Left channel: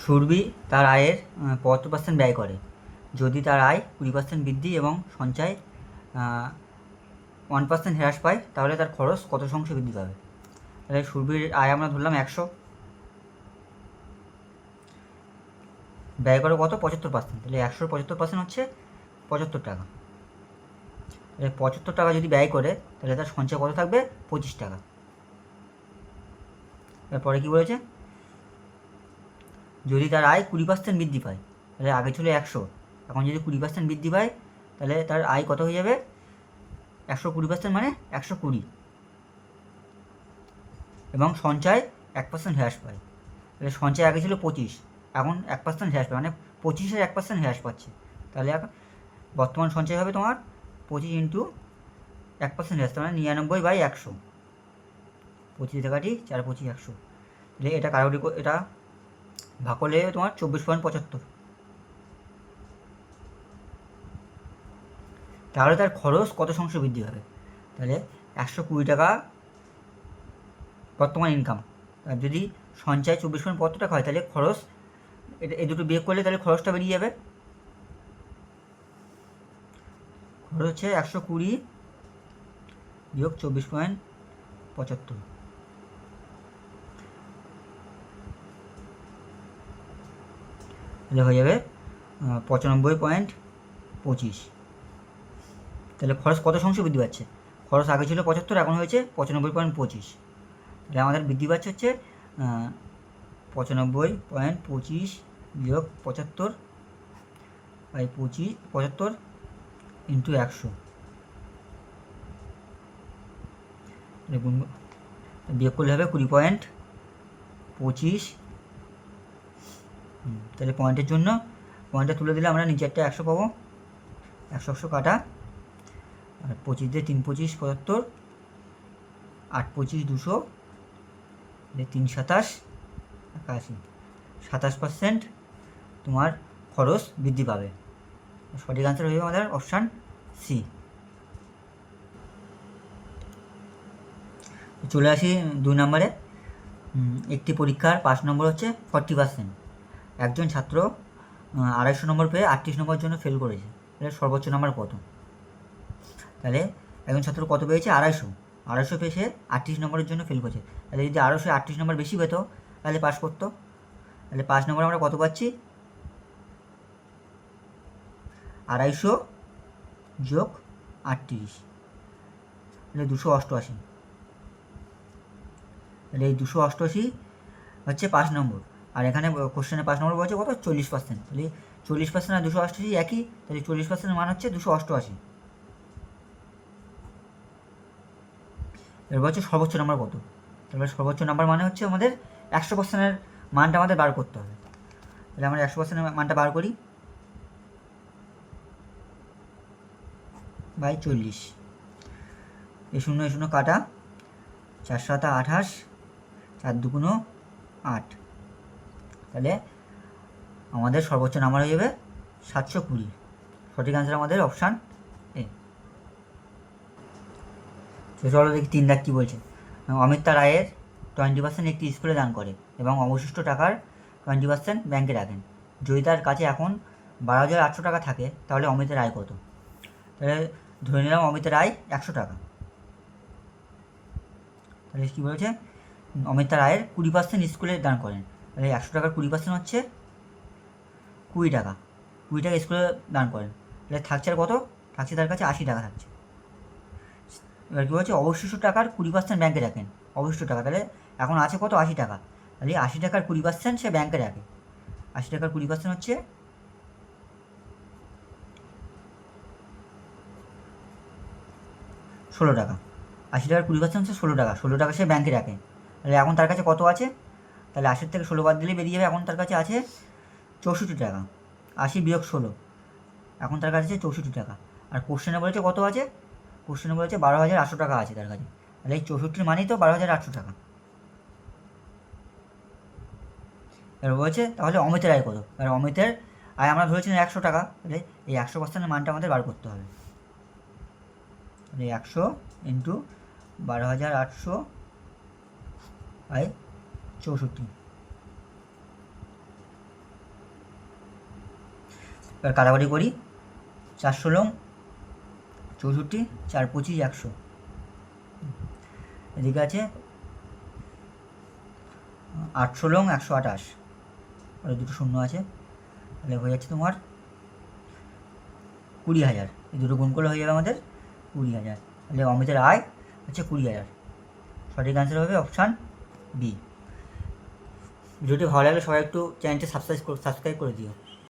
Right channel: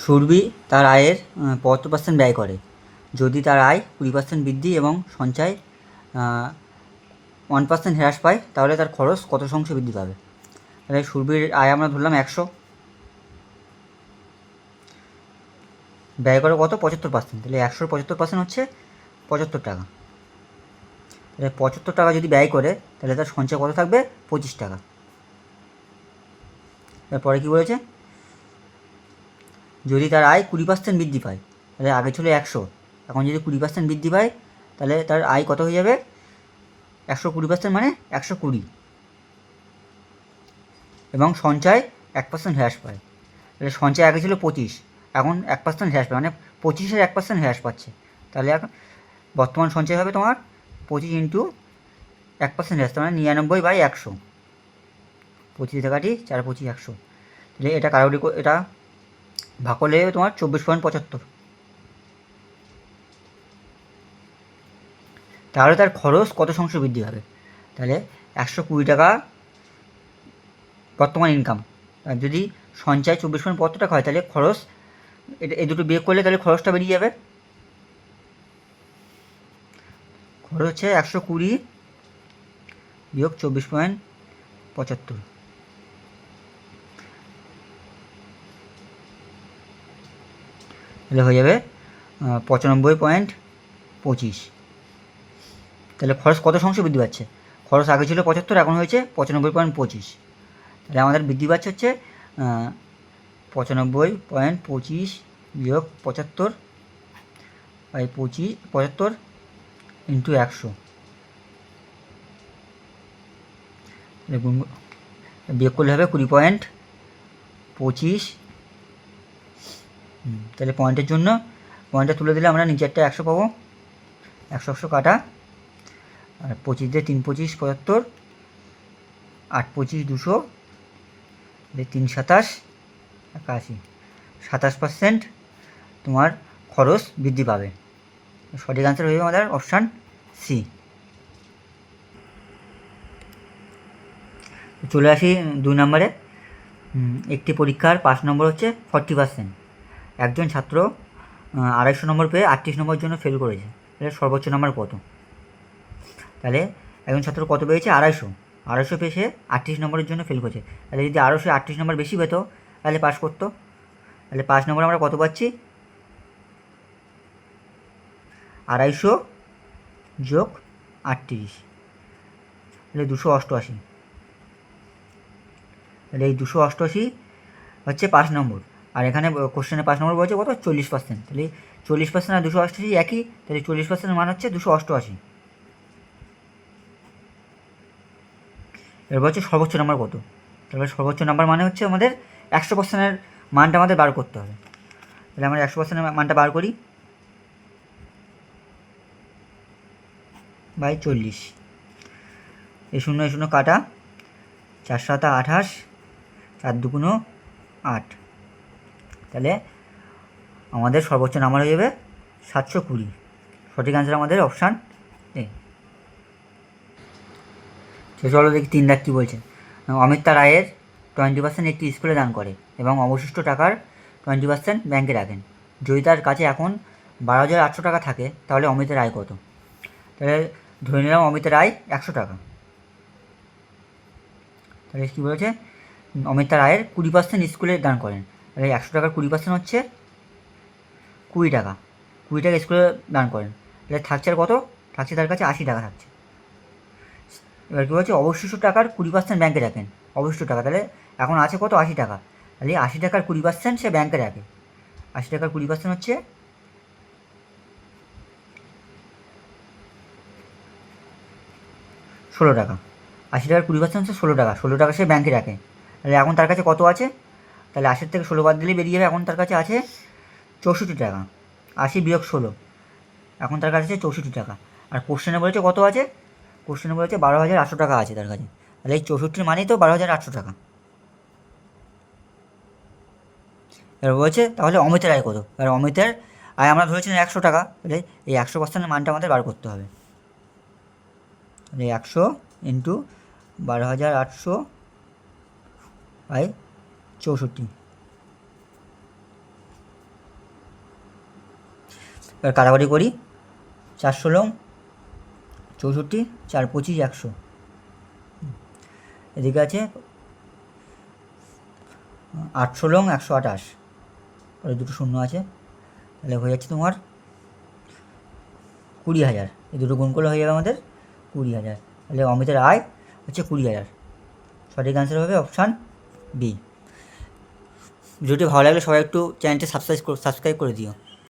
সুরভি তার আয়ের 75% ব্যয় করে। যদি তার আয় 20% বৃদ্ধি এবং সঞ্চয় 1% হ্রাস পায়, তাহলে তার খরচ কত শতাংশ বৃদ্ধি পাবে? তাহলে সুরভির আয় আমরা ধরলাম 100, ব্যয় করে কত? 75%। তাহলে 100-র 75% হচ্ছে 75 টাকা। তাহলে 75 টাকা যদি ব্যয় করে, তাহলে তার সঞ্চয় কত থাকবে? 25 টাকা। তারপরে কী বলেছে? যদি তার আয় 20% বৃদ্ধি পায়, তাহলে আগে ছিল 100, এখন যদি 20% বৃদ্ধি পায়, তাহলে তার আয় কত হয়ে যাবে? 120% মানে 120। এবং সঞ্চয় 1% হ্রাস পায়, তাহলে সঞ্চয় আগে ছিল 25, এখন 1% হ্রাস পায়, মানে 25-এর 1% হ্রাস পাচ্ছে। তাহলে এখন বর্তমান সঞ্চয় হবে তোমার 25 ইন্টু 1% হ্রাস, মানে 99/100। 25 টাকাটি 4×25 100। তাহলে এটা কারোরই এটা ভাগ করলে তোমার 24.75। তাহলে তার খরচ কত শতাংশ বৃদ্ধি হবে? তাহলে 120 টাকা বর্তমান ইনকাম, আর যদি সঞ্চয় 24.75 হয়, তাহলে খরচ এটা এই দুটো বিয়োগ করলে তাহলে খরচটা বেরিয়ে যাবে। খরচ হচ্ছে 120 বিয়োগ 24.75, তাহলে হয়ে যাবে 95.25। তাহলে খরচ কত শতাংশ বৃদ্ধি পাচ্ছে? খরচ আগে ছিল 75, এখন হয়েছে 95.25। তাহলে আমাদের বৃদ্ধি পাচ্ছে হচ্ছে 95.25 বিয়োগ 75 ইন্টু 100, বিয়োগ করলে হবে 20.25। তাহলে পয়েন্টের জন্য পয়েন্টটা তুলে দিলে আমরা নিচেরটা 100 পাবো, 100 কাটা, আর 25 দিয়ে 3×25 75, 8×25 200, 3×27 81, 27% তোমার খরচ বৃদ্ধি পাবে। সঠিক আনসার হয়ে যাবে আমাদের অপশান সি। চলে আসি 2 নম্বরে। একটি পরীক্ষার পাস নম্বর হচ্ছে 40%। একজন ছাত্র 250 নম্বর পেয়ে 38 নম্বরের জন্য ফেল করেছে, তাহলে সর্বোচ্চ নম্বর কত? তাহলে একজন ছাত্র কত পেয়েছে? 250 পেয়ে সে 38 নম্বরের জন্য ফেল করেছে। তাহলে যদি 38 নম্বর বেশি পেতো, তাহলে পাস করতো। তাহলে 5 নম্বর আমরা কত পাচ্ছি? 250 যোগ 38, তাহলে 288। তাহলে এই 288 হচ্ছে 5 নম্বর, আর এখানে কোশ্চেনে 5 নম্বর বলছে কত? 40%। তাহলে 40% আর 288 একই, তাহলে 40%-এর মান হচ্ছে 288। এবার হচ্ছে সর্বোচ্চ নাম্বার কত? তাহলে সর্বোচ্চ নাম্বার মানে হচ্ছে আমাদের 100%-এর মানটা আমাদের বার করতে হবে। তাহলে আমরা 100%-এর মানটা বার করি, বাই 40, এই 0 কাটা, 4×7 28, 4×2 8, তাহলে আমাদের সর্বোচ্চ নাম্বার হয়ে যাবে 720। সঠিক আনসার আমাদের অপশান এ। চলো দেখি 3 লাখ কী বলছে। অমিত তার আয়ের 20% একটি স্কুলে দান করে এবং অবশিষ্ট টাকার 20% ব্যাংকে রাখেন। যদি তার কাছে এখন 12,800 টাকা থাকে, তাহলে অমিতের আয় কত? তাহলে ধরে নিলাম অমিতের আয় 100 টাকা। তাহলে কী বলেছে? অমিত তার আয়ের 20% স্কুলে দান করেন। তাহলে 100 টাকার 20% হচ্ছে 20 টাকা। 20 টাকা স্কুলে দান করেন, তাহলে থাকছে আর কত? থাকছে তার কাছে 80 টাকা থাকছে। এবার কী বলছে? অবশিষ্ট টাকার 20% ব্যাংকে রাখেন। অবশিষ্ট টাকা, তাহলে এখন আছে কত? 80 টাকা। তাহলে 80 টাকার 20% সে ব্যাংকে রাখে। 80 টাকার 20% হচ্ছে 16 টাকা। 80 টাকার 20% হচ্ছে 16 টাকা। 16 টাকা সে ব্যাংকে রাখে। তাহলে এখন তার কাছে কত আছে? তাহলে 80 থেকে 16 বাদ দিলেই বেরিয়ে যাবে। এখন তার কাছে আছে 64 টাকা। 80 বিয়োগ 16, এখন তার কাছে আছে 64 টাকা। আর কোশ্চেনে বলেছে কত আছে? কোশ্চেনে বলেছে 12,800 টাকা আছে তার কাছে। তাহলে এই 64 মানেই তো 12,800 টাকা। এবার বলছে তাহলে অমিতের আয় কত? এবার অমিতের আয় আমরা ধরেছিলাম 100 টাকা, তাহলে এই 100%-এর মানটা আমাদের বার করতে হবে। তাহলে 100 ইন্টু 12,800 বাই 64, এবার কাটাকাটি করি, 4 × 64, 4 × 25, 100। এদিকে আছে 8 × 128, আর দুটো শূন্য আছে, তাহলে হয়ে যাচ্ছে তোমার 20,000। এই দুটো গুণ করলে হয়ে যাবে আমাদের 20,000। তাহলে অমিতের আয় হচ্ছে 20,000। সঠিক অ্যান্সার হবে অপশান বি। ভিডিওটি ভালো লাগলে সবাই একটু চ্যানেলটি সাবস্ক্রাইব করে দিও।